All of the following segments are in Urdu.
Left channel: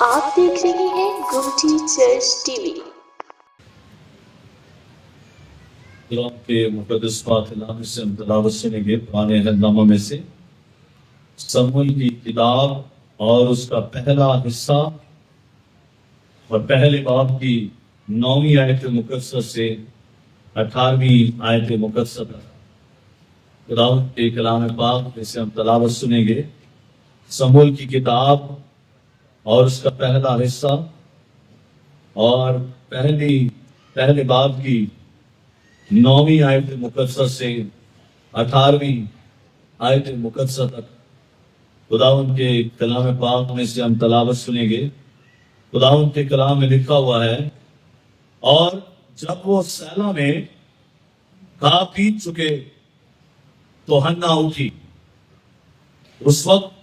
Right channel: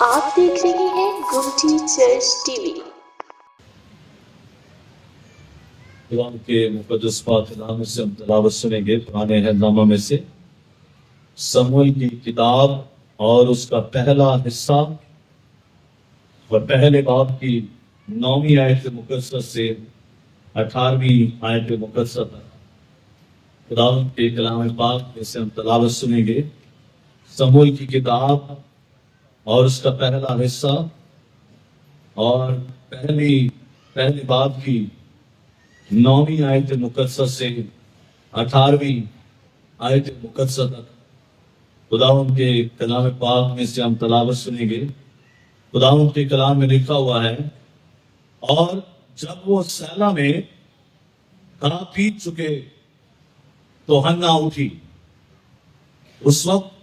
آپ دیکھ رہے ہیں گمٹی چرچ ٹی وی۔ قرآن کے مقدس پاک کلام سے ہم تلاوت سنیں گے پرانے عہد میں سے سموئیل کی کتاب اور اس کا پہلا حصہ اور پہلے باب کی 9ویں آیت مقدسہ سے 18ویں آیت مقدسہ تک خداوند کے کلام پاک میں سے ہم تلاوت سنیں گے۔ سموئیل کی کتاب اور اس کا پہلا حصہ اور پہلے باب کی 9ویں آیت مقدسہ سے 18ویں آیت مقدسہ تک خداوند کے کلام پاک میں سے ہم تلاوت سنیں گے۔ خداوند کے کلام میں لکھا ہوا ہے، اور جب وہ سیلا میں کھا پی چکے تو حنا اٹھی۔ اس وقت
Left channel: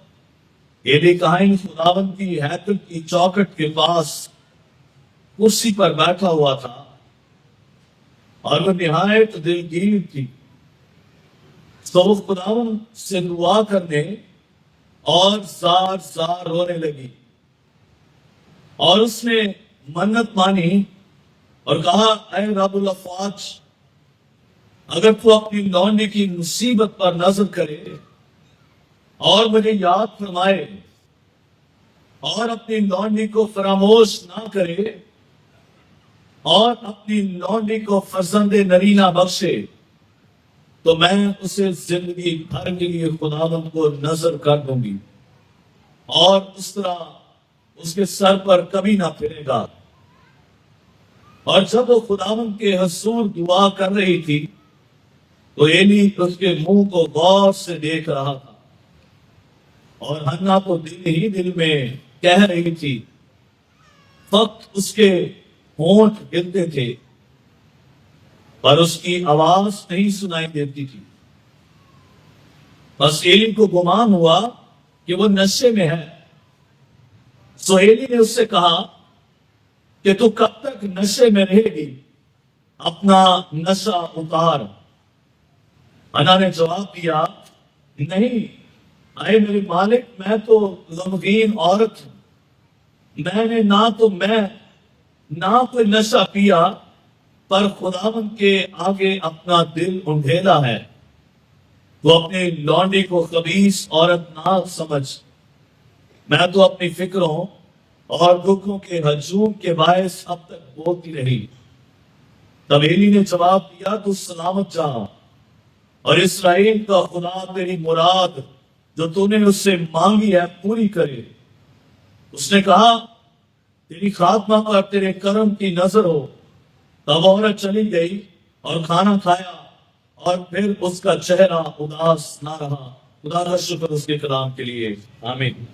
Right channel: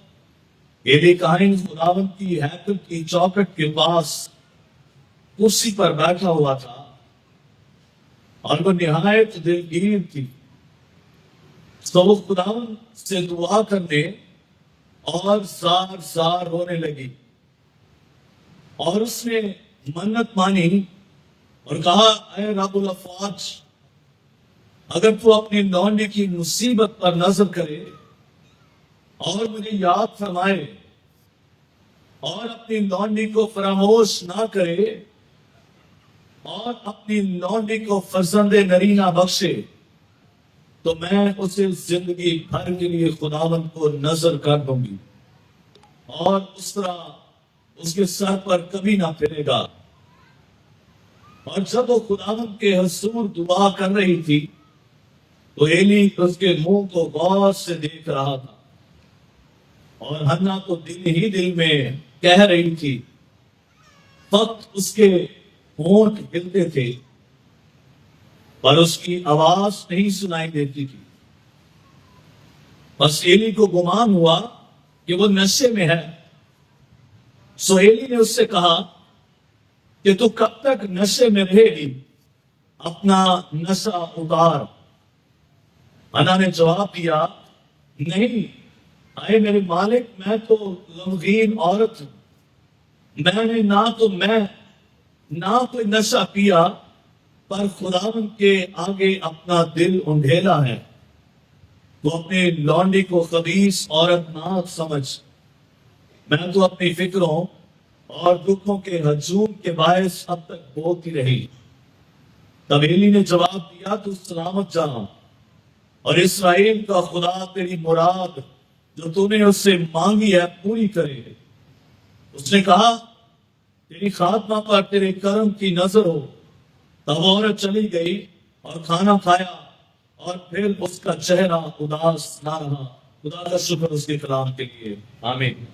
ایلی کاہن خداوند کی ہیکل کی چوکھٹ کے پاس کرسی پر بیٹھا ہوا تھا، اور وہ نہایت دلگیر تھی۔ تو وہ خداوند سے دعا کرنے اور زار زار رونے لگی، اور اس نے منت مانی اور کہا، اے رب الافواج، اگر تو اپنی لونڈی کی مصیبت پر نظر کرے اور مجھے یاد فرمائے اور اپنی لونڈی کو فراموش نہ کرے اور اپنی لونڈی کو فرزند نرینہ بخشے، تو میں اسے زندگی بھر کے لیے خداوند کو نظر کر دوں گی، اور اس طرح اس کے سر پر کبھی نہ پھرے گا۔ اور جب وہ خداوند کے حضور دعا کر رہی تھی تو ایلی اس کے منہ کو غور سے دیکھ رہا تھا، اور حنا کو دل ہی دل میں کہہ رہی تھی، فقط اس کے ہونٹ ہلتے تھے پر اس کی آواز نہیں سنائی دیتی تھی۔ بس ایلی کو گمان ہوا کہ وہ نشے میں ہے، سو ایلی نے اس سے کہا کہ تو کب تک نشے میں رہے گی، اپنا نشہ اتار۔ حنا نے جواب دیا، نہیں اے میرے مالک، میں تو غمگین عورت ہوں، میں نے نہ کوئی نشہ پیا، پر خداوند کے آگے اپنا دل انڈھیلا ہے۔ تو اپنے لونڈی کو خبیث عورت نہ سمجھ، میں تو اپنی فکروں اور دکھوں کے ہجوم کے باعث اب تک بولتی رہی۔ تب ایلی نے جواب دیا، تو سلامت جا، اور اسرائیل کا خدا تیری مراد جو تو نے اس سے مانگی ہے پوری کرے۔ اس نے کہا، تیری خاتمہ پر تیرے کرم کی نظر ہو۔ تب عورت چلی گئی اور کھانا کھایا، اور پھر اس کا چہرہ اداس نہ رہا۔ خدا کا شکر اس کے کلام کے لیے، آمین۔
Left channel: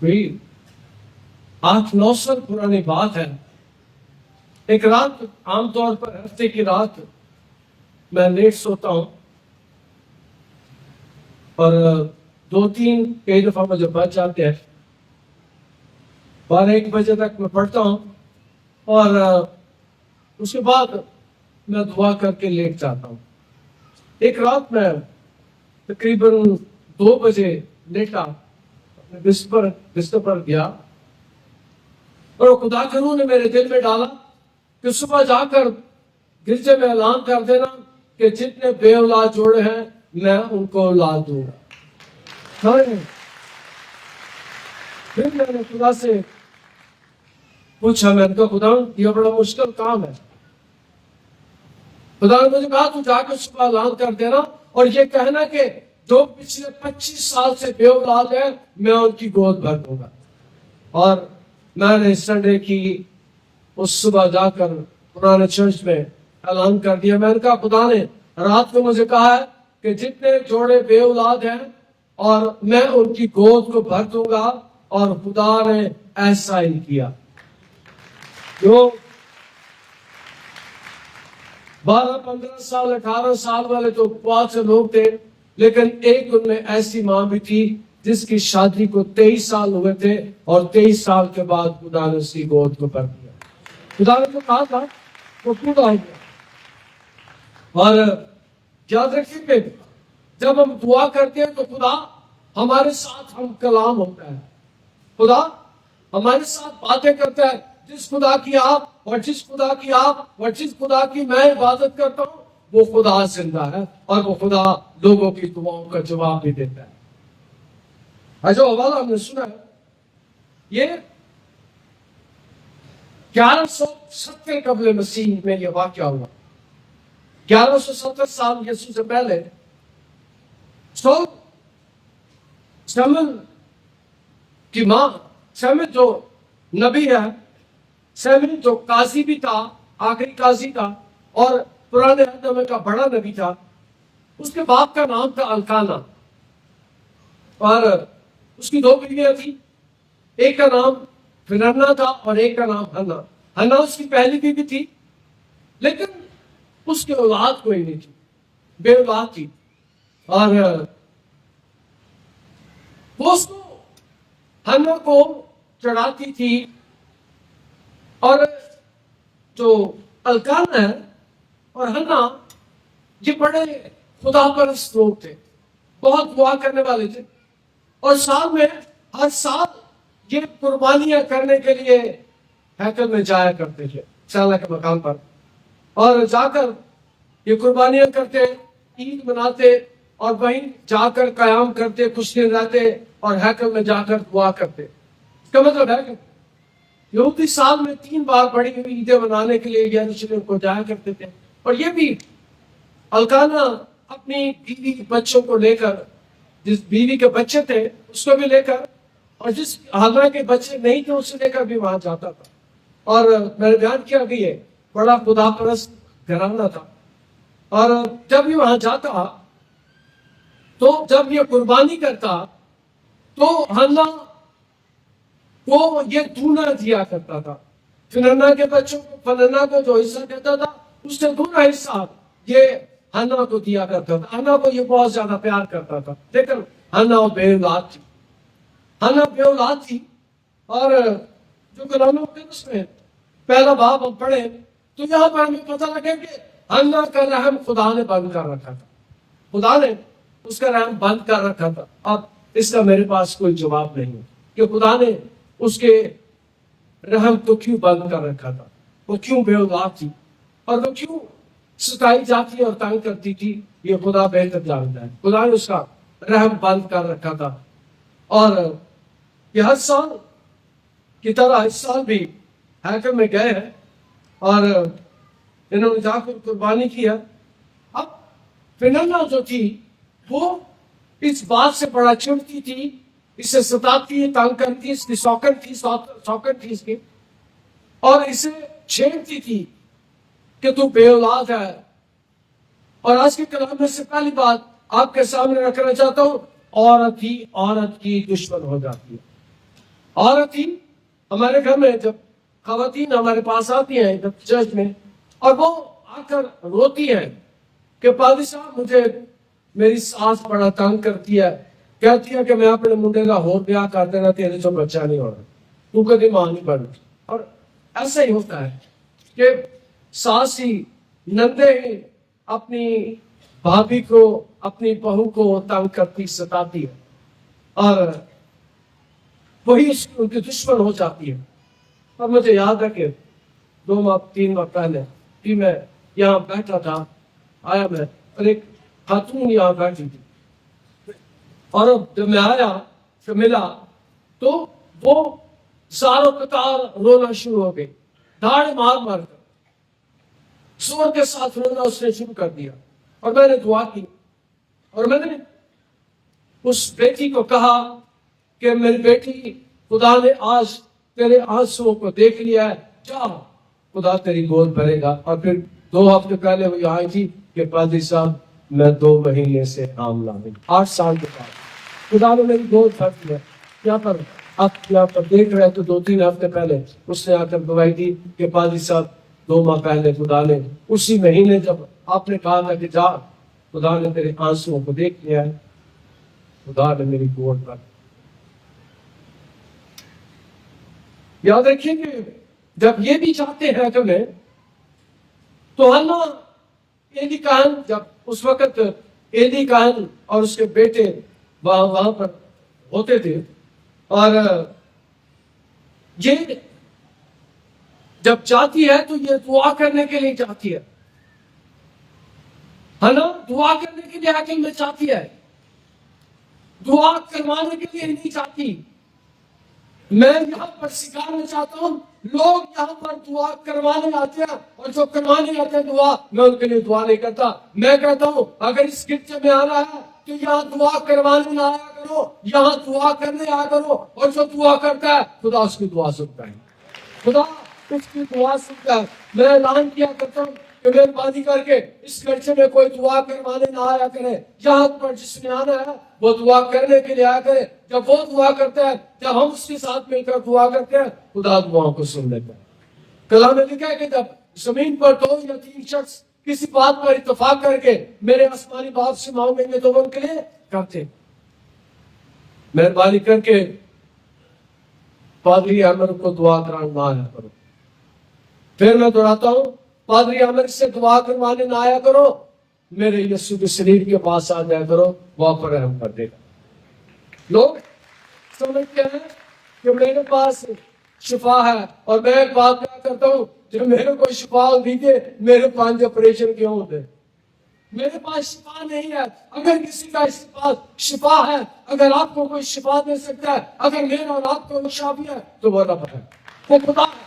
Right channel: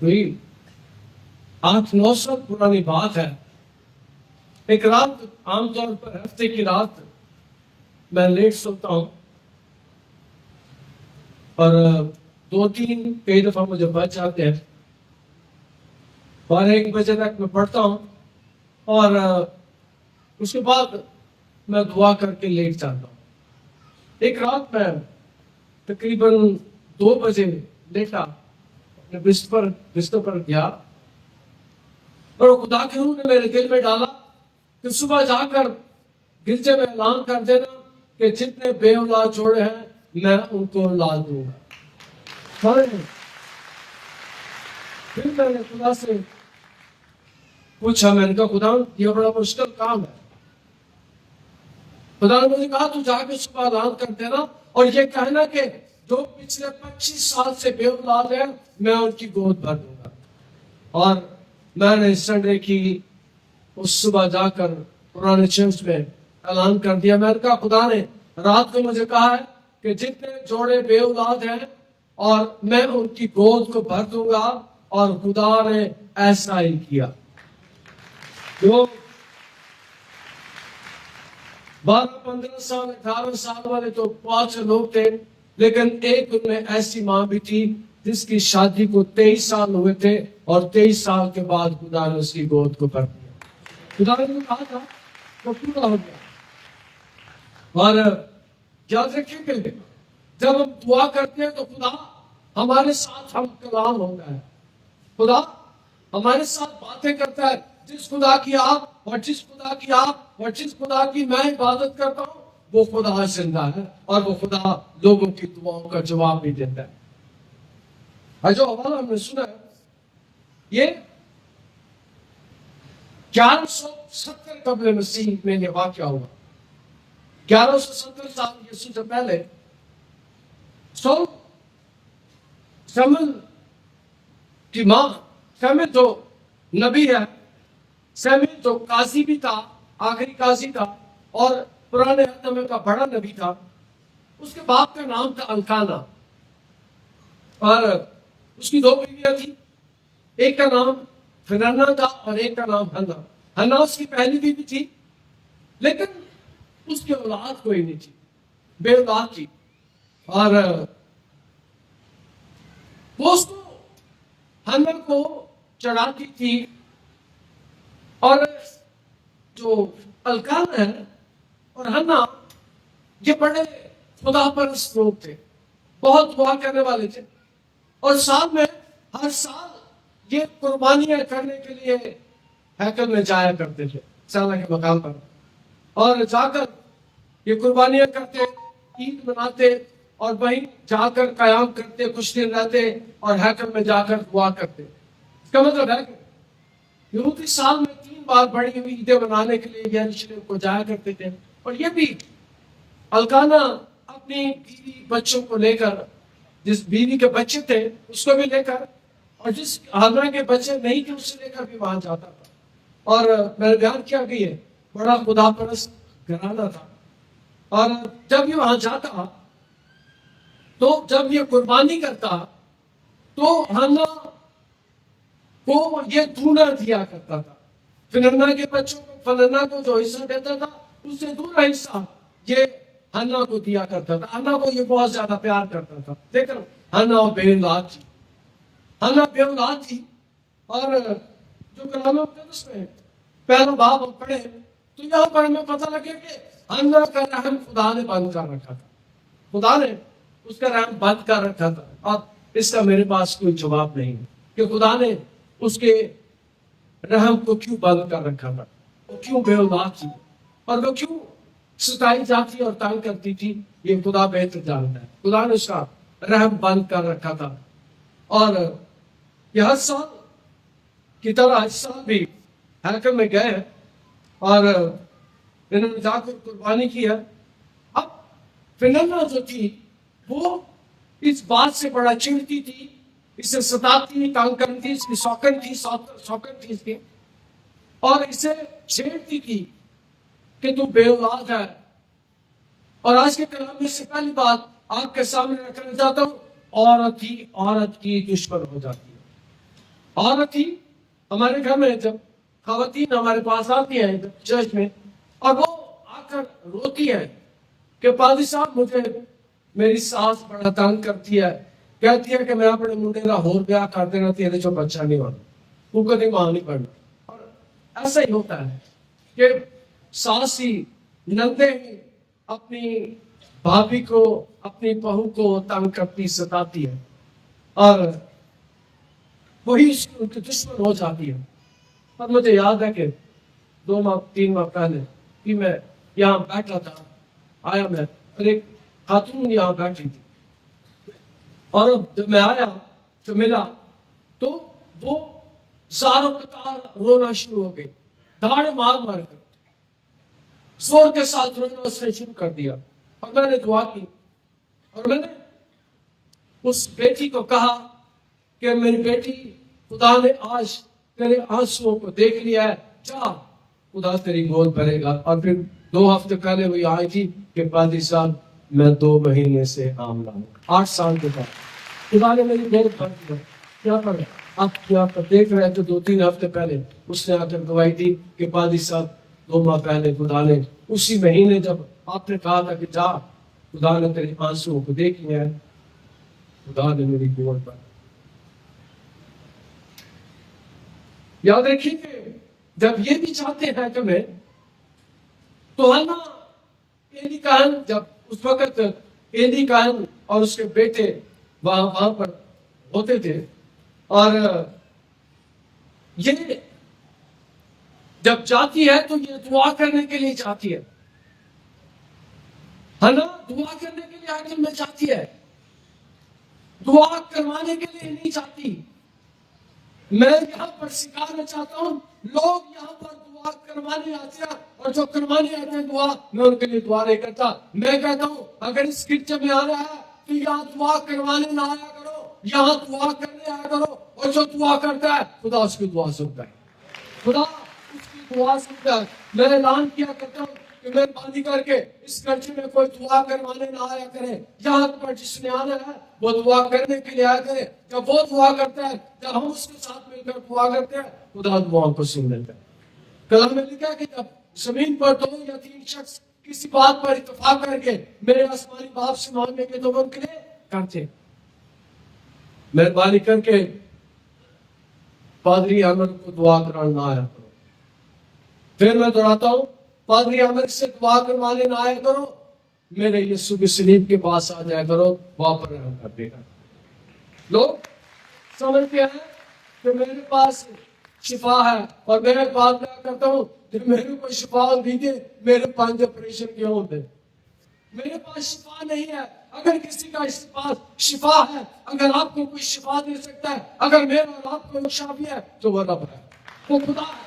کوئی 8-9 سال پرانی بات ہے، ایک رات، عام طور پر ہفتے کی رات میں لیٹ سوتا ہوں، اور 2-3 کئی دفعہ مجھے بچ جاتے ہیں، 12-1 بجے تک میں پڑھتا ہوں، اور اس کے بعد میں دعا کر کے لیٹ جاتا ہوں۔ ایک رات میں تقریباً 2 بجے لیٹا، اپنے بستر پر گیا، اور وہ خدا کے روح نے میرے دل میں ڈالا کہ صبح جا کر گرجے میں اعلان کر دینا کہ جتنے بے اولاد جوڑے ہیں میں ان کو اولاد دوں گا۔ پھر میں نے خدا سے پوچھا، میں نے کہا، خدا یہ بڑا مشکل کام ہے۔ خدا نے مجھے کہا، تو جا کے صبح اعلان کر دینا اور یہ کہنا کہ جو پچھلے 25 سال سے بے اولاد ہیں میں ان کی گود بھر دوں گا۔ اور میں نے سنڈے کی اس صبح جا کر پرانے چرچ میں اعلان کر دیا۔ میں نے کہا، خدا نے رات کو مجھے کہا ہے کہ جتنے جوڑے بے اولاد ہیں اور میں ان کی گود کو بھر دوں گا، اور خدا نے ایسا ہی کیا۔ جو 12-15 سال 18 سال والے تو بہت سے لوگ تھے، لیکن ایک ان میں ایسی ماں بھی تھی جس کی شادی کو 23 سال ہوئے تھے، اور 23 سال کے بعد خدا نے اس کی گود کو بھر دیا۔ خدا نے جو کہا تھا وہ پورا ہو گیا۔ اور یاد رکھیں کہ جب ہم دعا کرتے ہیں تو خدا ہمارے ساتھ ہم کلام ہوتا ہے. خدا ہمارے ساتھ باتیں کرتا ہے. جس خدا کی آپ اور جس خدا کی آپ اور جس خدا کی میں عبادت کرتا ہوں وہ خدا زندہ ہے اور وہ خدا لوگوں کی دعاؤں کا جواب بھی دیتا ہے. اور جو حوالہ ہم نے سنا ہے یہ 1170 قبل مسیح میں یہ واقعہ ہوا. 1170 سال یسوع سے پہلے سیموئیل کی ماں، سیموئیل جو نبی ہے، سیموئیل جو قاضی بھی تھا، آخری قاضی تھا اور پرانے عہد میں کا بڑا نبی تھا، اس کے باپ کا نام تھا الکانا اور اس کی 2 بیویاں تھی. ایک کا نام فننا تھا اور ایک کا نام ہنا. ہنا اس کی پہلی بیوی تھی لیکن اس کے اولاد کوئی نہیں تھی، بے اولاد تھی. اور وہ اس کو ہنا کو چڑھاتی تھی. اور جو الکانا ہے اور ہنا یہ بڑے خدا پرست لوگ تھے، بہت دعا کرنے والے تھے اور سال میں ہر سال یہ قربانیاں کرنے کے لیے ہیکل میں جایا کرتے تھے، سالہ کے مقام پر، اور جا کر یہ قربانیاں کرتے، عید مناتے اور وہیں جا کر قیام کرتے، کچھ دن رہتے اور ہیکل میں جا کر دعا کرتے. اس کا مطلب ہے کہ یہودی سال میں 3 بار بڑی ہوئی عیدیں منانے کے لیے یروشلم کو جایا کرتے تھے. اور یہ بھی الکانا اپنی بیوی بچوں کو لے کر، جس بیوی کے بچے تھے اس کو بھی لے کر اور جس حالانکہ کے بچے نہیں تھے اسے لے کر بھی وہاں جاتا تھا. اور میں نے بیان کیا کہ یہ بڑا خدا پرست گھرانہ تھا. اور جب یہ وہاں جاتا تو جب یہ قربانی کرتا تو ہنا کو یہ دونا دیا کرتا تھا. فننا کے بچوں کو، فننا کو جو حصہ دیتا تھا اس سے دونا حصہ یہ ہنا کو دیا کرتا تھا. ہنا کو یہ بہت زیادہ پیار کرتا تھا. لیکن ہنا بے اولاد تھی، ہنا بے اولاد تھی. اور جو کلام مقدس میں پہلا باب ہم پڑھے تو یہاں پر ہمیں پتہ لگے کہ ہنا کا رحم خدا نے بند کر رکھا تھا. خدا نے اس کا رحم بند کر رکھا تھا. اب اس کا میرے پاس کوئی جواب نہیں کہ خدا نے اس کے رحم کو کیوں بند کر رکھا تھا، وہ کیوں بے اولاد تھی اور وہ کیوں ستائی جاتی اور تنگ کرتی تھی. یہ خدا بہتر جانتا ہے. خدا نے اس کا رحم بند کر رکھا تھا. اور یہ ہر سال کی طرح اس سال بھی ہیکل میں گئے ہیں اور انہوں نے جا کر قربانی کی ہے. اب فننا جو تھی وہ اس بات سے بڑا چڑھتی تھی، اسے ستاتی، تنگ کرتی، اس کی سوکن تھی اس کی، اور اسے چھیڑتی تھی کہ تو بے اولاد ہے. اور آج کے کلام میں سے پہلی بات آپ کے سامنے رکھنا چاہتا ہوں، عورت ہی عورت کی دشمن ہو جاتی ہے. عورت ہی ہمارے گھر میں جب خواتین ہمارے پاس آتی ہیں جب چرچ میں اور وہ آ کر روتی ہیں کہ پادری صاحب مجھے میری ساس بڑا تنگ کرتی ہے، کہتی ہے کہ میں اپنے منڈے کا ہور بیاہ کر دینا تیرے جو بچہ نہیں ہونا، تو کدی ماں نہیں پڑھتی. اور ایسا ہی ہوتا ہے کہ ساس ہی نندے ہی اپنی بھابھی کو، اپنی بہو کو تنگ کرتی، ستاتی ہے اور وہی ان کی دشمن ہو جاتی ہے. اور مجھے یاد ہے کہ 2 ماہ 3 ماہ پہلے بھی میں یہاں بیٹھا تھا، آیا میں اور ایک خاتون یہاں بیٹھی تھی اور جب میں آیا تو ملا تو وہ زاروں قطار رونا شروع ہو گئی، دھاڑے مار مار کر زور کے ساتھ رونا اس نے شروع کر دیا. اور میں نے دعا کی اور میں نے اس بیٹی کو کہا کہ میری بیٹی، خدا نے آج تیرے آنسوؤں کو دیکھ لیا ہے، جا خدا تیری گود بھرے گا. اور پھر 2 ہفتے پہلے وہ آئی تھی کہ پادری صاحب میں 2 مہینے سے حاملہ ہوں، 8 سال کے بعد خدا نے میری گود بھر دیا. کیا پر آپ یہاں پر دیکھ رہے تو 2-3 ہفتے پہلے اس نے آ کر گواہی دی کہ پادری صاحب 2 ماہ پہلے خدا نے اسی مہینے جب آپ نے کہا تھا کہ جا خدا نے تیرے آنسوؤں کو دیکھ لیا ہے، خدا نے میری گود بھر. یاد رکھیے کہ جب یہ بھی چاہتے ہیں کہ میں تو ہنا ایلی کہن جب اس وقت ایلی کہن اور اس کے بیٹے وہاں پر ہوتے تھے، اور یہ جب جاتی ہے تو یہ دعا کرنے کے لیے جاتی ہے نا، دعا کرنے کے لیے حقل میں چاہتی ہے، دعا کروانے کے لیے نہیں چاہتی۔ میں یہاں پر سکھانا چاہتا ہوں، لوگ یہاں پر دعا کروانے آتے ہیں، اور جو کروانے آتے ہیں دعا، میں ان کے لیے دعا نہیں کرتا۔ میں کہتا ہوں اگر اس گرجے میں آنا ہے تو یہاں دعا کروانے نہ آیا کرو، یہاں دعا کرنے آیا کرو، اور جو دعا کرتا ہے خدا اس کی دعا سنتا ہے، خدا اس کی دعا سنتا ہے۔ میں اعلان کیا کرتا ہوں کہ مہربانی کر کے اس گرجے میں کوئی دعا کروانے نہ آیا کرے، یہاں پر جس نے آنا ہے وہ دعا کرنے کے لیے آیا کرے۔ جب وہ دعا کرتا ہے، جب ہم اس کے ساتھ مل کر دعا کرتے ہیں، خدا دعاؤں کو سن لیتا ہے۔ کلام میں لکھا ہے کہ جب زمین پر 2 یا 3 شخص کسی بات پر اتفاق کر کے میرے آسمانی باپ سے مانگیں گے تو وہ ان کے لیے کرتے۔ مہربانی کر کے پادری احمد کو دعا کرانا نہ آیا کرو۔ پھر میں دہراتا ہوں، پادری احمد سے دعا کروانے نہ آیا کرو، میرے یسوع کی صلیب کے پاس آ جایا کرو، وہاں پر رحم کر دے گا۔ لوگ سمجھتے ہیں کہ میرے پاس شفا ہے، اور میں ایک بات کرتا ہوں، جب میرے کو شفا دیجیے، میرے پاس آپریشن کیوں ہوتے؟ میرے پاس شفا نہیں ہے۔ اگر کسی کا پاس شفا ہے، اگر آپ کو کوئی شفا دے سکتا ہے، اگر میرا اور آپ کو شافی ہے، تو وہ رب ہے، وہ خدا ہے۔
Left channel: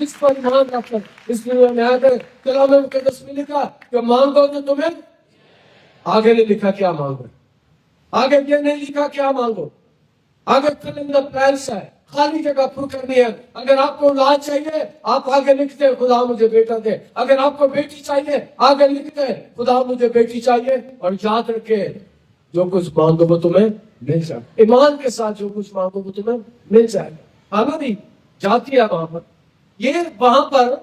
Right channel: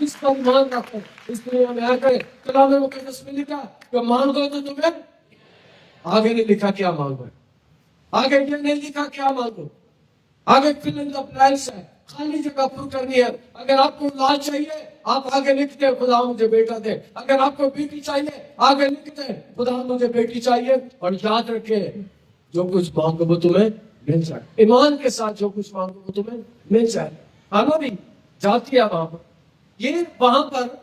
اس پر ایمان رکھ کر اس دنیا میں آ کر کلام مقدس میں لکھا کہ مانگو تو تمہیں، آگے نہیں لکھا کیا مانگو، آگے یہ نہیں لکھا کیا مانگو، آگے fill in the blanks ہے، خالی جگہ پر کرنی ہے۔ اگر آپ کو اولاد چاہیے، آپ آگے لکھتے ہیں خدا مجھے بیٹا دے۔ اگر آپ کو بیٹی چاہیے، آگے لکھتے ہیں خدا مجھے بیٹی چاہیے۔ اور یاد رکھے، جو کچھ مانگو وہ تمہیں مل جائے، ایمان کے ساتھ جو کچھ مانگو وہ تمہیں مل جائے۔ آنا بھی جاتی ہے وہاں پر، یہ وہاں پر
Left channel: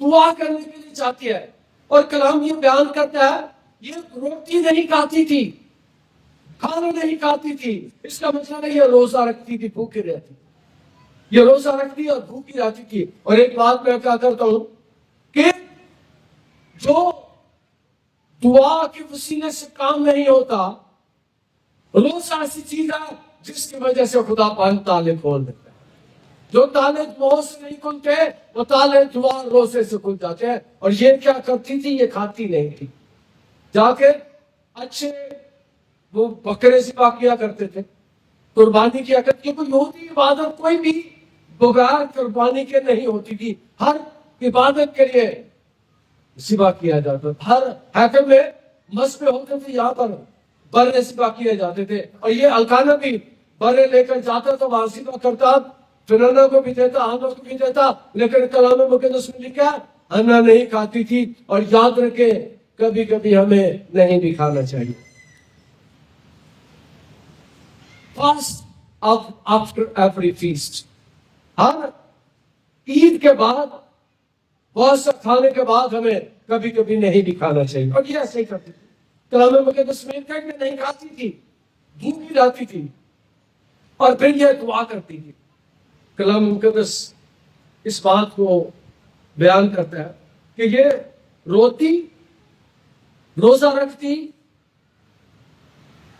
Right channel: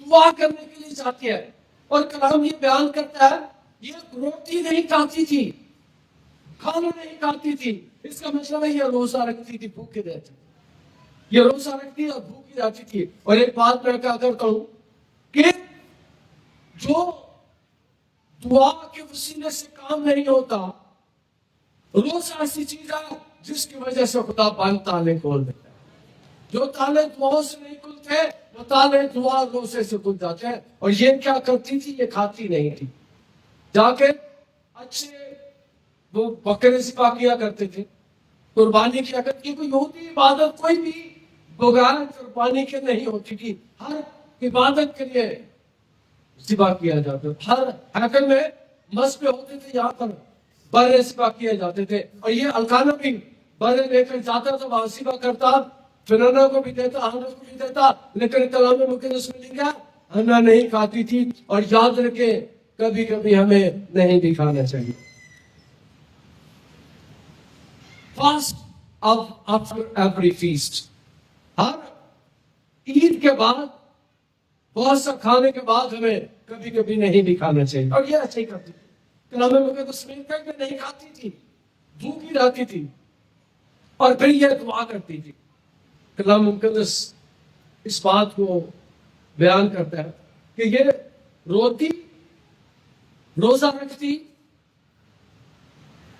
دعا کرنے کے لیے جاتی ہے، اور کلام یہ بیان کرتا ہے یہ روٹی نہیں کھاتی تھی، کھانا نہیں کھاتی تھی۔ اس کا مطلب ہے یہ روزہ رکھتی تھی، بھوکی رہتی، یہ روزہ رکھتی اور بھوکی رہتی تھی۔ اور ایک بات میں کہا کرتا ہوں کہ جو دعا کے وسیلے سے کام نہیں ہوتا، روزہ ایسی چیز ہے جس کی وجہ سے خدا بند تالے کھول دیتا ہے۔ جو تالے دعاؤں سے نہیں کھلتے، وہ تالے دعا روزے سے کھل جاتے ہیں۔ اور یہ کیا کرتی تھی؟ یہ کھاتی نہیں تھی، جا کے اچھے وہ بکرے ذبح کیا کرتے تھے، قربانی کیا کرتے تھے۔ کوئی یہودی عبادت کوئی بھی بغیر قربانی کے نہیں ہوتی تھی، ہر عبادت کے لیے ذبح کیا جاتا تھا۔ ہر ہیکل میں مذبح ہوتے تھے، یہاں پر برے ذبح کیے جاتے تھے، اور یہ الکانہ بھی برے لے کر جاتا تو وہاں ذبح کرتا، فنانہ کو بھی دیتا، ہنہ کو بھی دیتا۔ لیکن کلام مقدس میں لکھا ہنہ نہیں کھاتی تھی۔ اور یاد رکھے، کبھی کبھی ہمیں نہیں بھی کھانا چاہیے۔ فاسٹ آفٹر ایوری فیسٹ، ہر عید کے بعد، بہت سا کھانے کے بعد ہمیں کبھی کبھی نہیں بھی کھانا چاہیے۔ اور یہ ایسے ہی کرتی تھی، کلام مقدس میں لکھا کہ نہیں کھاتی تھی، بھوکی رہتی تھی، اور پھر یہ دعا کرتی تھی۔ کلام مقدس اس بات کو بیان کرتا ہے کہ یہ روتی، روزہ رکھتی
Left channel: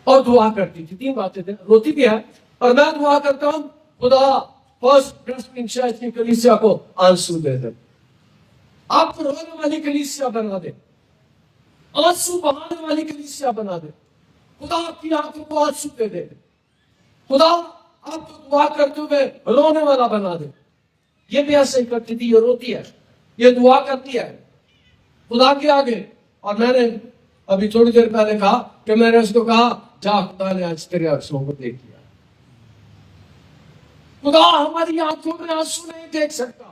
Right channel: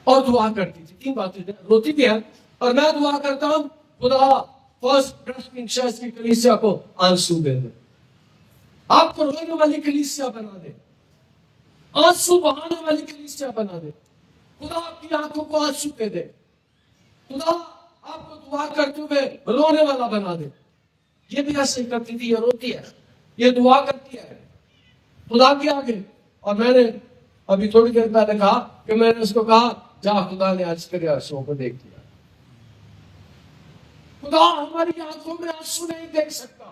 اور دعا کرتی تھی۔ 3 باتیں تھیں، روتی بھی ہے اور میں دعا کرتا ہوں خدا فرسٹ پریسبٹرین چرچ کی کلیسیا کو آنسو دے دے، آپ کو رونے والی کلیسیا بنا دے، آنسو بہانے والی کلیسیا بنا دے۔ خدا آپ کی آنکھوں کو آنسو دے دے، خدا آپ کو دعا کرتے ہوئے رونے والا بنا دے۔ یہ بھی ایسے ہی کرتی تھی، یہ روتی ہے، یہ دعا کرتی ہے خدا کے آگے۔ اور میں نے ابھی تھوڑی دیر پہلے کہا کہ میں نے اس کو کہا جا، خدا نے آج تیرے آنسوؤں کو دیکھ لیا۔ خدا ہماری آنکھوں میں آنسو نہیں دیکھ سکتا،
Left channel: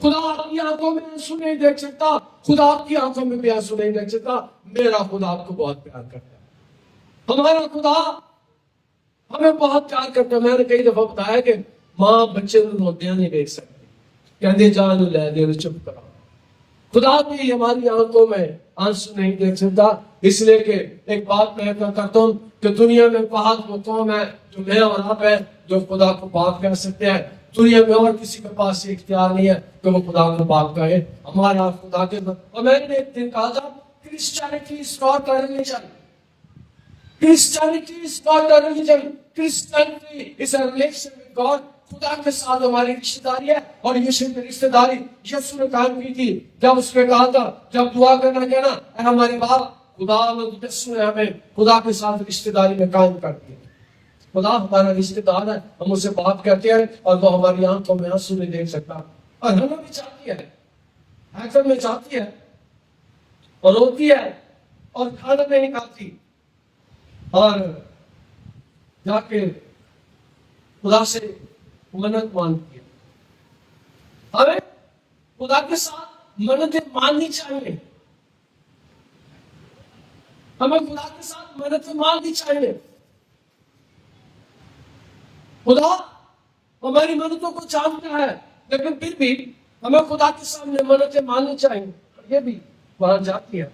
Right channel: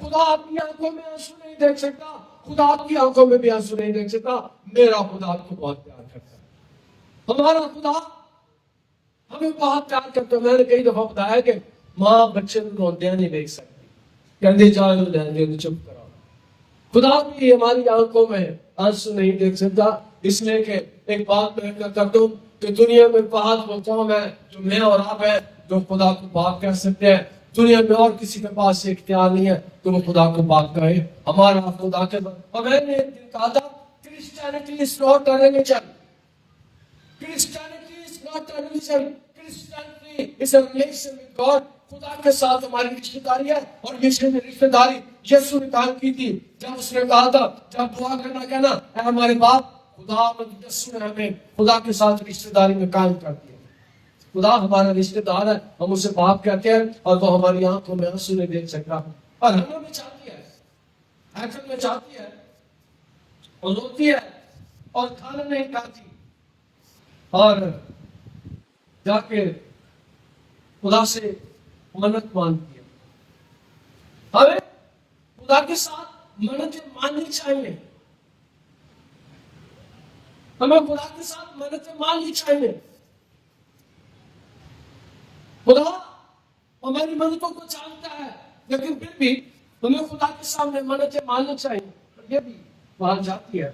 خدا اپنی آنکھوں میں آنسو نہیں دیکھ سکتا، خدا آپ کی آنکھوں میں بھی آنسو نہیں دیکھ سکتا۔ میرا خدا آپ کو بہت پیار کرتا ہے، ہمارا خدا ہمیں بہت پیار کرتا ہے۔ میں نے کئی دفعہ بتایا کہ ماں بچے کو روتے نہیں دیکھ سکتی، کہتے جان لے دے، چپ کرو۔ خدا بھی ہماری آنکھوں میں آنسو نہیں دیکھ سکتا، اس لیے کہ ایک بات میں کرتا ہوں کہ دنیا میں بہت وہ قوم ہے جو میں اور آپ ہے جو خدا کو باپ کہہ سکتے ہیں، دنیا میں اور کسی کے پاس یہ اختیار نہیں ہے کہ وہ خدا کو پاک کہے. ہمارا خدا کے اور میں نے ایک دن کہا تھا Christianity is not a religion. Christianity is not a religion. Christianity is a relation with God. خدا کے ساتھ ہماری رشتہ داری ہے اور یہ رشتہ داری یسوع نے قائم کی تھی جب اس نے کہا تھا جب دعا کرنا کہنا اے ہمارے باپ خدا یسوع نے ہمیں خدا کے ساتھ رشتہ داری میں قائم کر دیا. خدا ہمارا رشتہ دار ہے, ہم اسے باپ کہتے ہیں اور وہ ہماری آنکھوں میں آنسو نہیں دیکھ سکتا اور ہمیں بھی چاہتی ہے, ایسا میں چاہتی ہے اور روتی ہے اور کھانا نہیں کھاتی اور جا کے خدا سے منت مانگتی ہے. ہمیں خدا کے ساتھ منتیں ماننی چاہیے, ہمیں خدا کے ساتھ منتیں ماننی چاہیے. خدا ہماری منتوں کو جانتا ہے لیکن پھر بھی ہمیں خدا کے سامنے منتیں ماننی چاہیے. یہ بھی وہاں جاتی ہے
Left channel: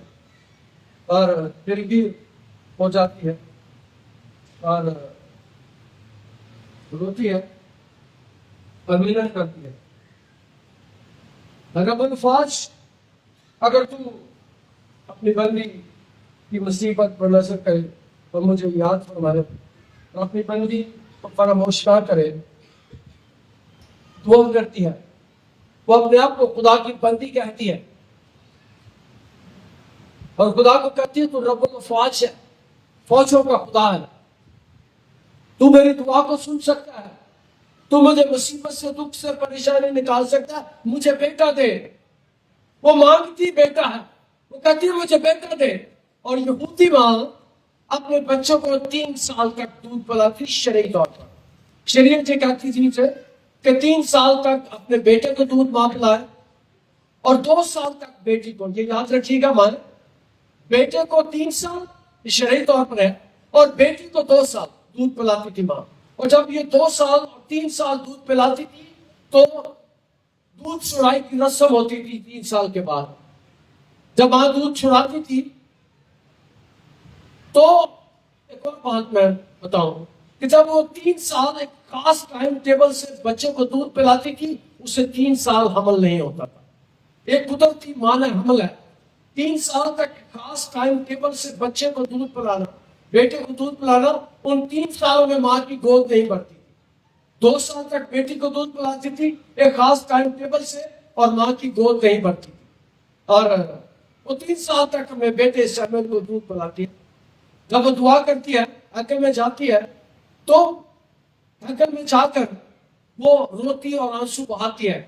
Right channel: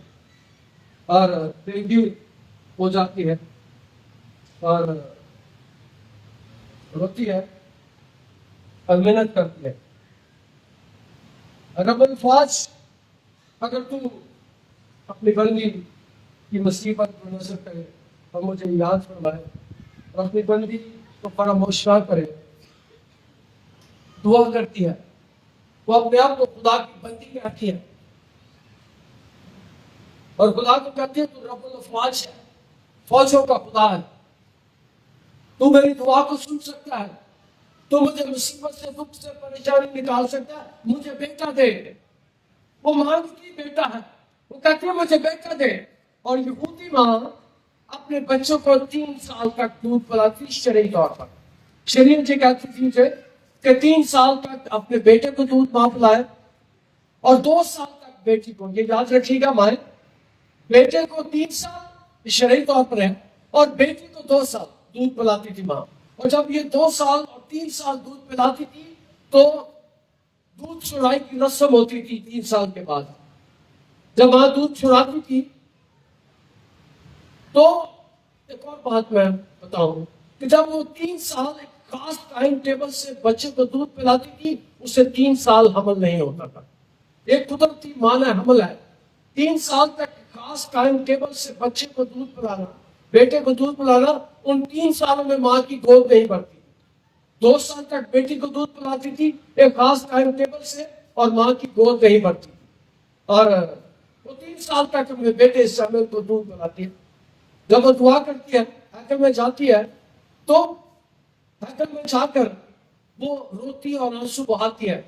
اور پھر بھی ہو جاتی ہے اور روتی ہے اور محنت کرتی ہے. رب الفاظ اگر تو اپنی بندی کی مصیبت پر نظر کرے اور مجھے یاد فرمائے اور اپنی بندی کو فراموش نہ کرے, دعا کرتی ہے, وہ اپنے آپ کو خدا کی بندی کہتی ہے اور خدا کو کہتی ہے تو رب الفاظ ہے, فوجوں کا خدا ہے, تو میری دعا کو سن سکتا ہے, تو مجھے مصیبت سے دکھ سے پریشانی نکال سکتا ہے, مجھے بیٹا دے. وہ مانگتی بیٹا ہے, وہ کہتی ہے مجھے بیٹا دے. اور یہودی ماں اپنے بچوں کو 3 سال تک دودھ پلاتی شرعی طور پر. شریعت یہ کہتی تھی کہ 3 سال تک اپنے بیٹے کو دودھ ماں پلائے اور 2 سال تک بیٹی کو. یہ یاد رکھیے گا مائیں, بیٹے کو 3 سال شرعی طور پر ہے اور بیٹی کو 2 سال دودھ پلاتی تھی ماں. اور جب یہ 2 سال اور 3 سال دودھ پلاتی تھی تو دودھ چھڑائی کی رسم ہوتی تھی 3 سال کے بعد. جب ماں دودھ چھڑاتی تھی تو ایک اور بات میں بتاؤں کہ جب وہ 3 سال ایک خاص ٹائم ٹیبل سے بچے کو دودھ پلاتی تھی, اسے 3 سال حمل نہیں ہوتا تھا. ایک قدرتی معنی حمل ہے. 3 سال تک خاص ٹائم ٹیبل سے بچے کو دودھ پلانا, بیٹے کو دودھ پلانا, ان 3 سالوں میں ماں کی گود نہیں بھرتی. 2 سال تک بیٹی کو دودھ پلاتی تھی ایک خاص ٹائم ٹیبل سے اور ماں کی گود نہیں بھرتی. اور وہ 3 سال تک میں بیٹے سمیت کو دودھ پلاتی ہے. جب وہ دعا کرتی ہے ہیکل میں جاتی ہے تو ہیکل میں جا کر وہ روتی اور آنسو بہاتی ہے.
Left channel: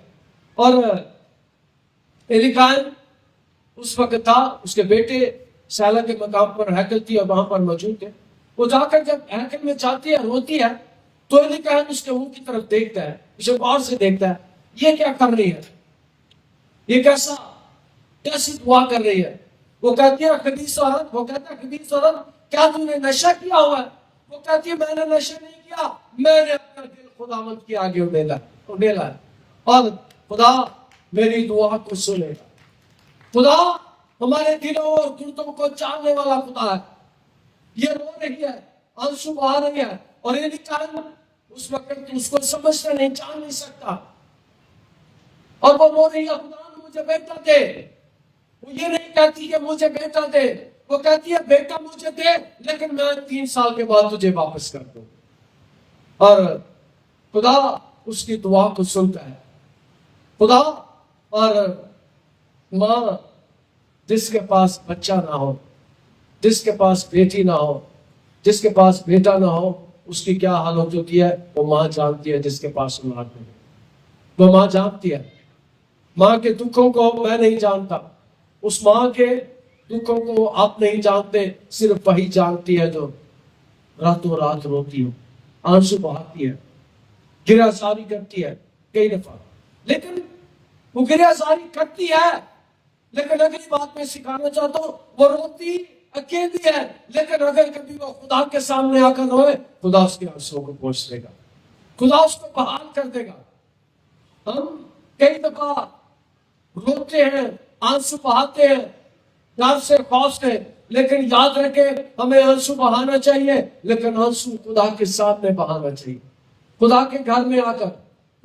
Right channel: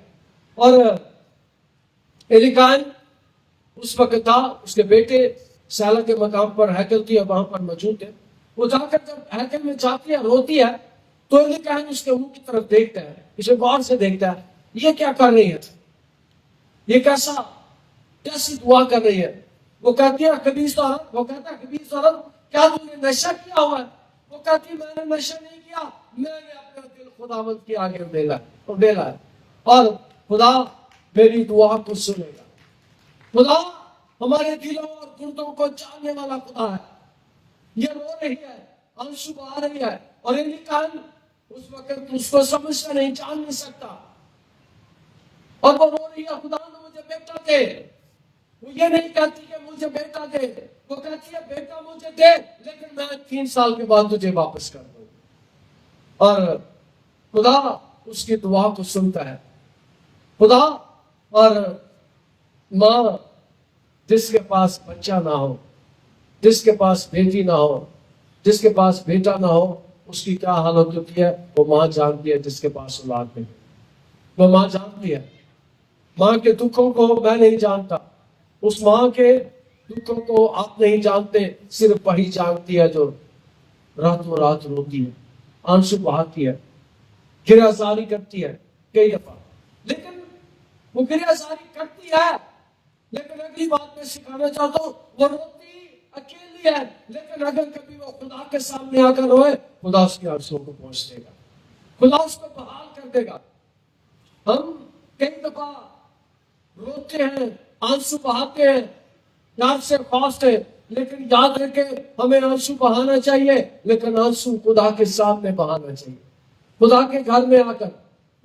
اور ایلیکائن اس وقت تھا, اس کے بیٹے سیلا کے مقام پر ہیکل تھی اور وہاں پر موجود ہے. وہ جا کر جب ہیکل میں جاتی ہے روتی ہے تو ایلیکائن اس کے منہ کی طرف دیکھتا ہے, اسے غور سے دیکھتا ہے, یہ کیا کر رہی ہے, یہ کیسی دعا کر رہی ہے. وہ کہتی ہے خبیث عورت, وہ کہتا ہے خبیث عورت کیا تم نے نشہ کیا ہوا ہے. وہ کہتی ہے میں نے نشہ نہیں کیا, میں نے اپنا دل خداوند کے آگے اڈیلا ہے اور خدا میری دعا کو سنے گا. خدا ہمارے دلوں اور گردوں کو جاننے والا خدا ہے. یہ رو رہی ہے, آنسو بہا رہی ہے اور ایلیکائن اس وقت اس کو سمجھتا نہیں, جان نہیں سکتا اور وہ رو رہی ہے خدا نے مجھے بیٹا دے. وہ یہ نہیں کہتی کہ مجھے بیٹا دے, وہ کہتی ہے بیٹا مجھے دے لیکن میں 3 سال کے بعد تجھے واپس کر دوں. اور خدا اس کی دعا کو سنتا ہے. خدا اور ماں جس کے پاس بچہ نہ ہو, جس کے پاس بیٹی نہ ہو, جس کے پاس بیٹا نہ ہو, اس کی کیا حالت ہوتی ہے وہ ماں جانتی ہے. جس کے پاس اولاد نہیں وہ ماں جانتی ہے. ماں کے دکھوں کو میں نہیں جانتا, اس ماں کے دکھوں کو آپ نہیں جانتے, صرف وہی جانتی ہے جو راتوں رات روتی ہے, آنسو بہاتی ہے, گریہ زاری کرتی ہے کئی دفعہ. لیکن وہ گریہ زاری کرتی ہے لیکن اگلی بات میں سکھانا چاہتا ہوں, وہ روتی اکیلی ہے لیکن اگر کبھی وہ خدا کے سامنے آ کر روئے خدا اس کے آنسوؤں کو پوچھ دے گا, خدا اس کو بحال کر دے گا. ہم کئی دفعہ روتے ہیں, آنسو بہاتے ہیں ڈر سے خوف سے, لیکن یاد رکھیں ہمیں آنسو بہانا چاہیے لیکن آنسو خدا کے سامنے بہانا چاہیے. خدا کے گھر میں آ کر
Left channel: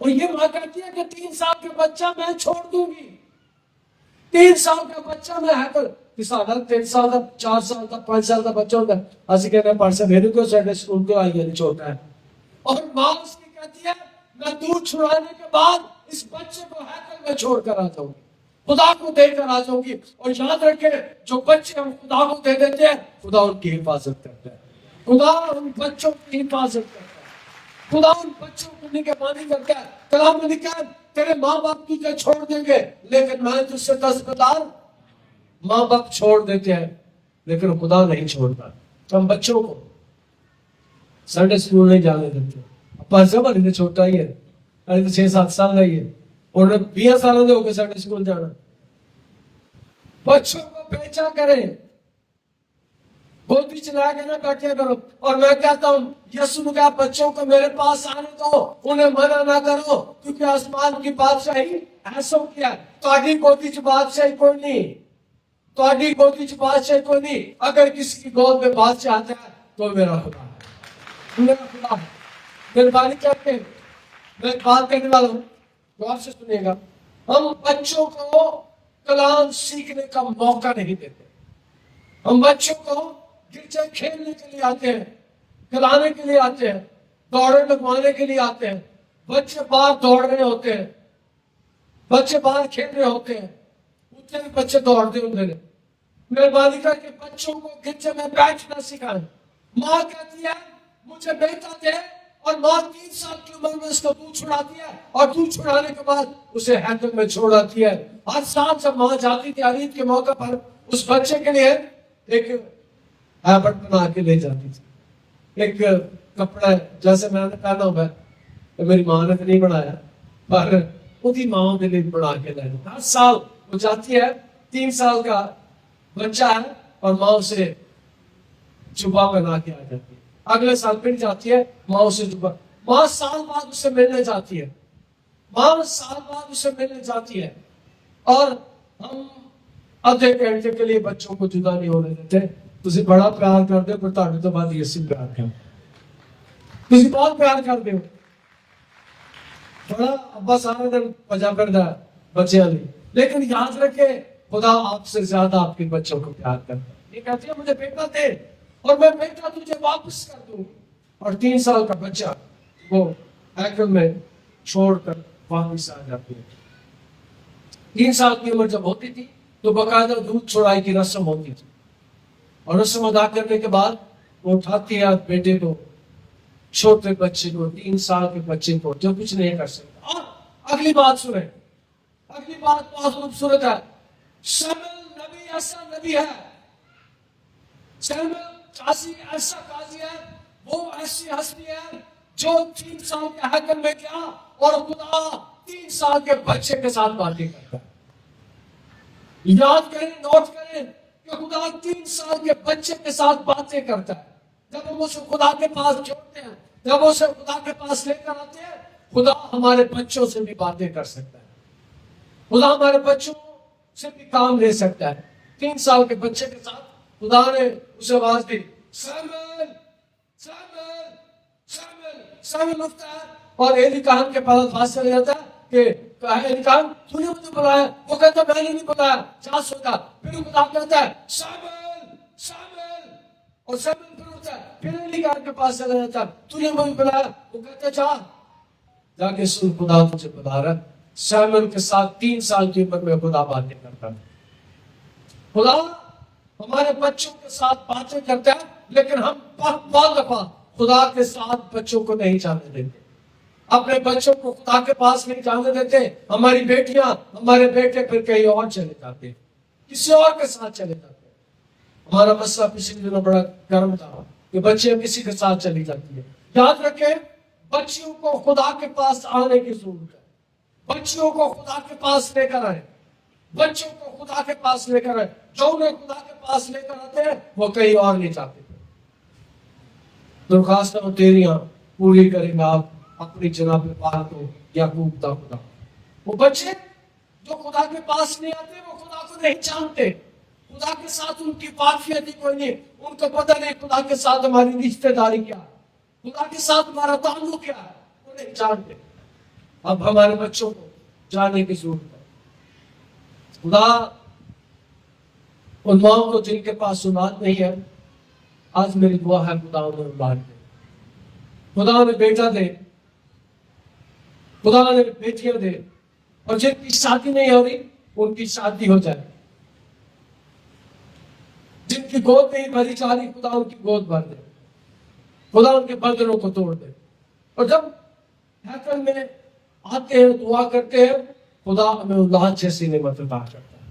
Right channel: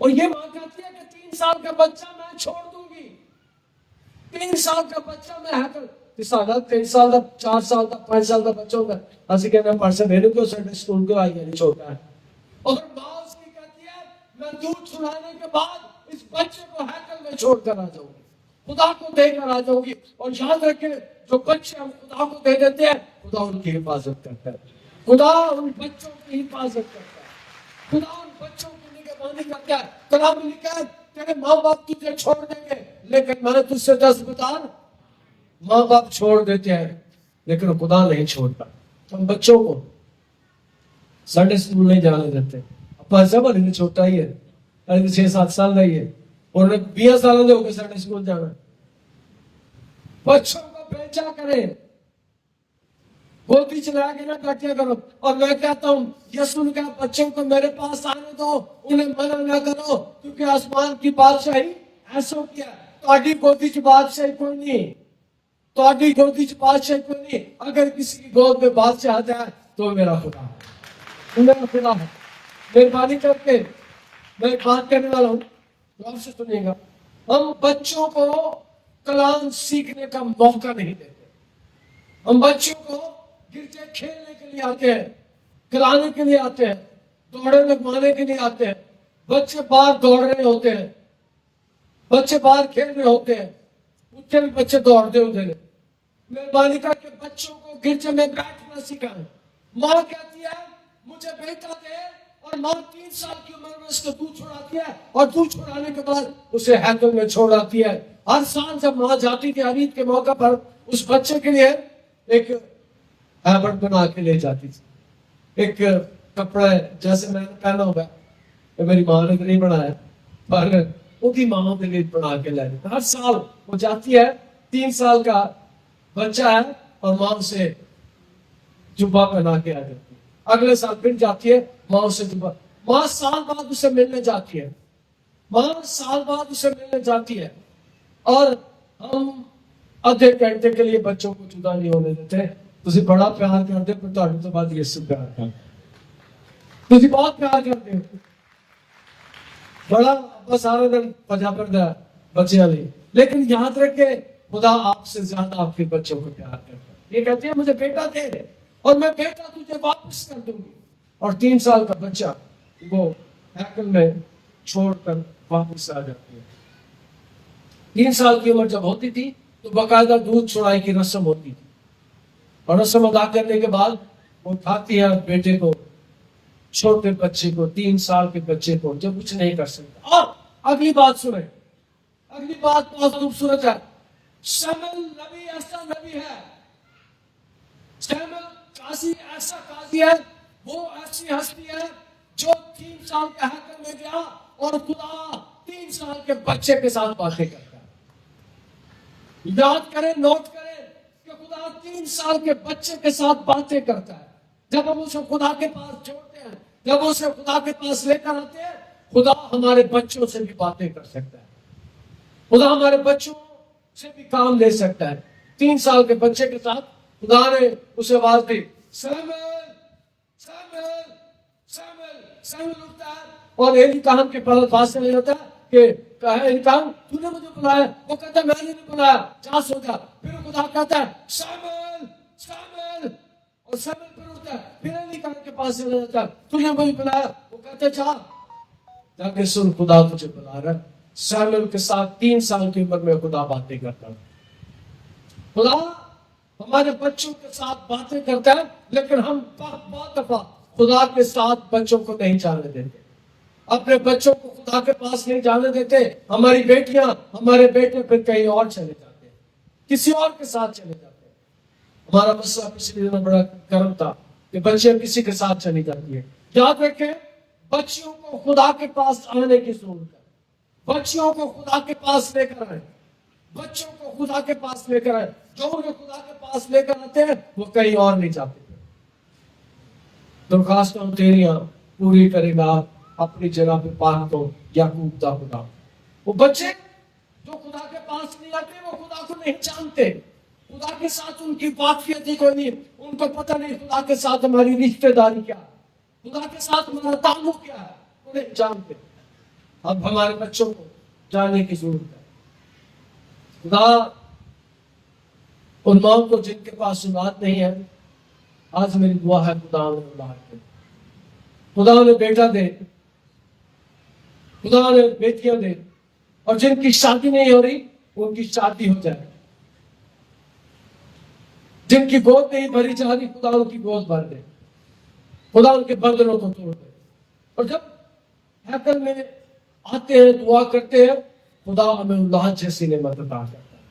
اور یہ ماں کہتی ہے کہ 3 سال کا بچہ میں چھوڑ دوں گی. 3 سال کا بچہ میں ہے پر 3 سال کا 4 سال کا 5 سال کا بچہ ہوتا ہے. اسی کہتے ہیں پرسے میرے کو سنڈے سکول کے آئی نہیں چھوٹا ہے. اور ماں اس کی کہتی ہے میں دودھ چھڑانے کے بعد اس بچے کو ہیکل میں چھوڑ کر آ جاؤں گی, خدا کو دے کر آ جاؤں گی. اور یاد رکھیں جو بچے ہم خدا کو دے دیتے ہیں خدا ان کی حفاظت کرتا ہے. خدا ان بچوں کی حفاظت کرتا ہے. خدا ان بچوں کو نگہبانی کرتا ہے. کلام میں لکھا ہے تیرے ماں باپ تجھے چھوڑ دیں گے لیکن میں تجھ سے 10 بتا, ماں باپ چھوڑ دیتے ہیں لیکن خدا نہیں چھوڑتا. ہم بچوں کو سنڈے اسکول نہیں جانے دیتے. ابا سب ابھی چھوٹا ہی ہے, ابھی 6-7 سال کا ہی ہے اور 20 سالوں کے ہو گئے سنڈے اسکول جانا. بچوں کو بیچا کرے, گودی چلا کے نہ بیٹھے کرو. اور میں کہتا ہوں یسوع نے کہا بچوں کو میرے پاس آنے دو, انہیں منع نہ کرو کیونکہ آسمان کی بادشاہی ایسا کیا ہے. تہاڈی گودی چ بادشاہی کوئی نہیں, تہاڈی گودی چ بادشاہی کوئی نہیں. اگر کسی کی گود میں بادشاہ آتا ہے تو میرا خدا ہے, میرا خدا ہے. مہربانی کر کے میں ایک بات کہنے والا ہوں جو آپ سے سنیے گا. ہم بچوں کو کلام سیکھنے کا موقع نہیں دیتے. ہم بچوں کو گرجے کھیلنے کے لیے آتے ہیں, کھلانے کے لیے آتے ہیں, دوڑے لگوانے کے لیے آتے ہیں. بچے باہر دوڑ رہے ہوتے ہیں, بچے باہر کھیل رہے ہوتے ہیں, اتنے بھی بچے دوڑتے ہوتے ہیں. مہربانی کر کے بچوں کو گرجے میں بیٹھنا سکھائیں. ماں کہتی ہے مجھے بیٹا دے, اور ماں 3 سال کی عمر میں اس کو دودھ چھڑاتی ہے اور دودھ چھڑانے کے بعد اسے ہیکل میں چھوڑ آتی ہے. ہر سال جب ماں جاتی تھی عید کے موقع پر اس بچے کے لیے ایک ہیبٹ بنا کے لے جاتی تھی. ایک کپڑا جیسے میں نے پہنا ہوا ہے, میری ماں نے تو نہیں بنایا پر وہی ماں کے لیے بنا کے لے جاتی. ہر سال وہ جاتی ہے, 3 سال کا بچہ ہے اور ماں اسے جبہ پہنا کے آ جاتی ہے. اگلے سال پھر جاتی ہے, ماں اسے جبہ, ماں سال بعد اسے ملنے جاتی ہے, ماں سال بعد اسے ملنے جاتی ہے. اور ہم آدھے گھنٹے کے لیے بچوں کو جدا نہیں ہونے دیتے. تسی بڑا پیار کرتے ہو پر تہاڈے تو بعد یسوع پیار کرتا, تسی بہت پیار کرتے ہو. بڑا ابا سارے دن بجا پھردا ہے بچیاں لئی, لیکن یاد رکھے خدا آپ سے زیادہ آپ کے بچوں کو پیار کرتا ہے. یہ کہتے ہیں مجھے بیٹا دے اور میں بیٹا تجھے واپس کر دوں گی. اور 3 سال کا بچہ وہ ہیکل میں چھوڑ کر واپس آ جاتی ہے. 3 سال کی عمر جب ہوتی تھی تو باقاعدہ دودھ چھڑائی کی رسم ہوتی تھی, اور رسم ادا کرنے کے بعد وہ اٹھاتی ہے بیٹے کو, چھوٹے بچے کو, 3 سال کے بچے کو جو کچھ نہیں کر سکتا. اور اگلی بات سنیں, اگلی بات بہت خوبصورت ہے. شمل نبی ایسا نبی ہے, شمل قاضی ایسا قاضی ہے, وہ ایسی ہستی ہے جو 3 سال کے ہیکل میں گیا اور خدا 3 سال کے بچے کے ساتھ باتیں کرتا ہے. یاد کریں, نوٹ کریں کہ خدا 3 سال کے بچے کے ساتھ باتیں کرتا ہے. جب ہم اسے خدا کے پاس جوڑتے ہیں, جب اسے خدا کے پاس لے کر آتے ہیں, خدا ہمارے بچوں سے بھی باتیں کر سکتا ہے. خدا ہمارے بچوں سے بھی کام لے سکتا ہے. 3 سال کے بچے کے ساتھ خدا نے اسے آواز دی, سیموئیل سیموئیل سیموئیل. سیموئیل اٹھتا ہے اور ایلی کہان کے پاس چلے جاتا ہے کہ ایلی کہان تو نے مجھے بلایا. وہ کہتا ہے میں نے نہیں بلایا, جا سو جا. پھر خدا کہتا ہے سیموئیل سیموئیل, اور سیموئیل پھر اٹھتا ہے, پھر ایلی کہان کے پاس چلا جاتا ہے, تو نے مجھے بلایا. وہ کہتا ہے جا کے سن, خدا تجھے بلا رہا ہے. سیموئیل کے ساتھ 3 سال کی عمر میں خدا باتیں کرتا ہے. خدا ہمارے بچوں کے ساتھ باتیں کرتا ہے, لیکن ہم بعض دفعہ خدا کے ساتھ بچوں کو نہیں جانے دیتے, اپنے بچوں کو خدا کے پاس نہیں جانے دیتے. ہماری بیٹیاں, ہمارے بیٹے پھر کہیں اور چلے جاتے, کسی اور کے ساتھ چلے جاتے. ہمارا مسئلہ پچھلے دنوں بڑا گرم تھا کہ بچے کسی کے ساتھ چلی جاتی ہے. یاد رکھیں بچیوں کو خدا کے پاس آنے کی ضرورت ہے. بچیوں کو خدا کے پاس لے کر آئے, بچوں کو خدا کے پاس لے کر آئے. جو انہیں خدا کے پاس لے کر آتے ہیں وہ کہیں اور نہیں جاتے. درخواستوں تیریاں پوری کرے گا اپنی جناب پاک کو یعقوب دا خدا. وہ بچے جو خدا کے پاس نہیں آتے وہ خدا کو نہیں جانتے. خدا کے ساتھ ان کی واقفیت ہی کوئی نہیں. ان کو پتہ نہیں خدا کے ساتھ ہماری رشتہ داری کیا ہے, خدا کے ساتھ ہمارا تعلق کیا ہے, وہ نہیں جانتے. اب ہمارے بچوں کو جانے کی ضرورت ہے. خدا ان ماؤں کو جن کے پاس اولاد نہیں ہے، آج میری دعا ہے خدا انہیں اولاد دے، خدا انہیں بیٹا دے، خدا انہیں بیٹیاں دے، اور جن کی شادی نہیں ہو رہی ان کی شادی ہو جائے، جن کی گود نہیں بھری جا رہی خدا ان کی گود بھر دے، خدا ان کے بندنوں کو توڑ دے. اور جب ہیکل میں آتے ہیں دعا کرتے ہیں، خدا ہمیں اولاد جیسی نعمت عطا کرتا ہے.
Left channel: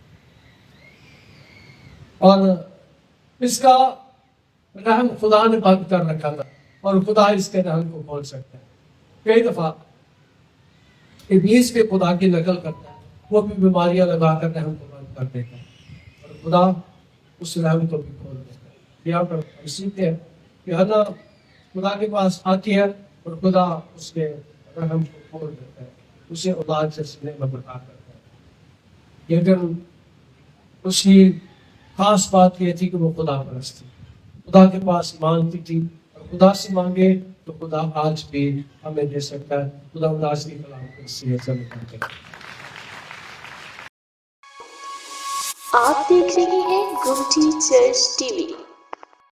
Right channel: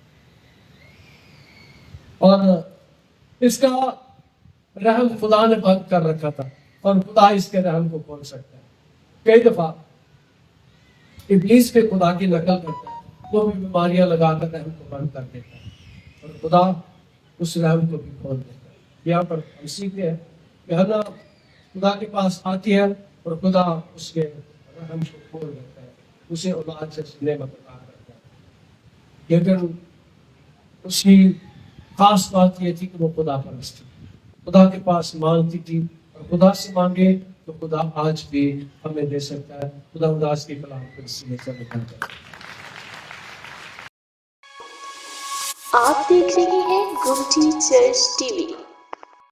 اور اس کا رحم خدا نے بند کر رکھا تھا، اور خدا اس کے رحم کو کھول سکتا ہے. کئی دفعہ ابلیس کے خدا کی نقل کرتا ہے، وہ بھی بیماریاں لگا کر رحم کو بند کر دیتا ہے، اور خدا اس رحم کو بھی کھول دیتا ہے. یہاں پر ہم سیکھتے ہیں کہ ہنا خدا کے پاس آتی ہے اور خدا اس کے رحم کو کھول دیتا ہے، اسے اولاد سے سننے کا عطا کرتا ہے. لیکن اس کی خاص بات یہ تھی کہ وہ خدا پرست تھی، خدا کے پاس مانگتی تھی، اور خدا سے مانگے تو خدا آج بھی ہمیں دے سکتا ہے. خدا اولاد کی فلاح سے آپ دیکھ رہے ہیں گمٹی چرچ ٹی وی.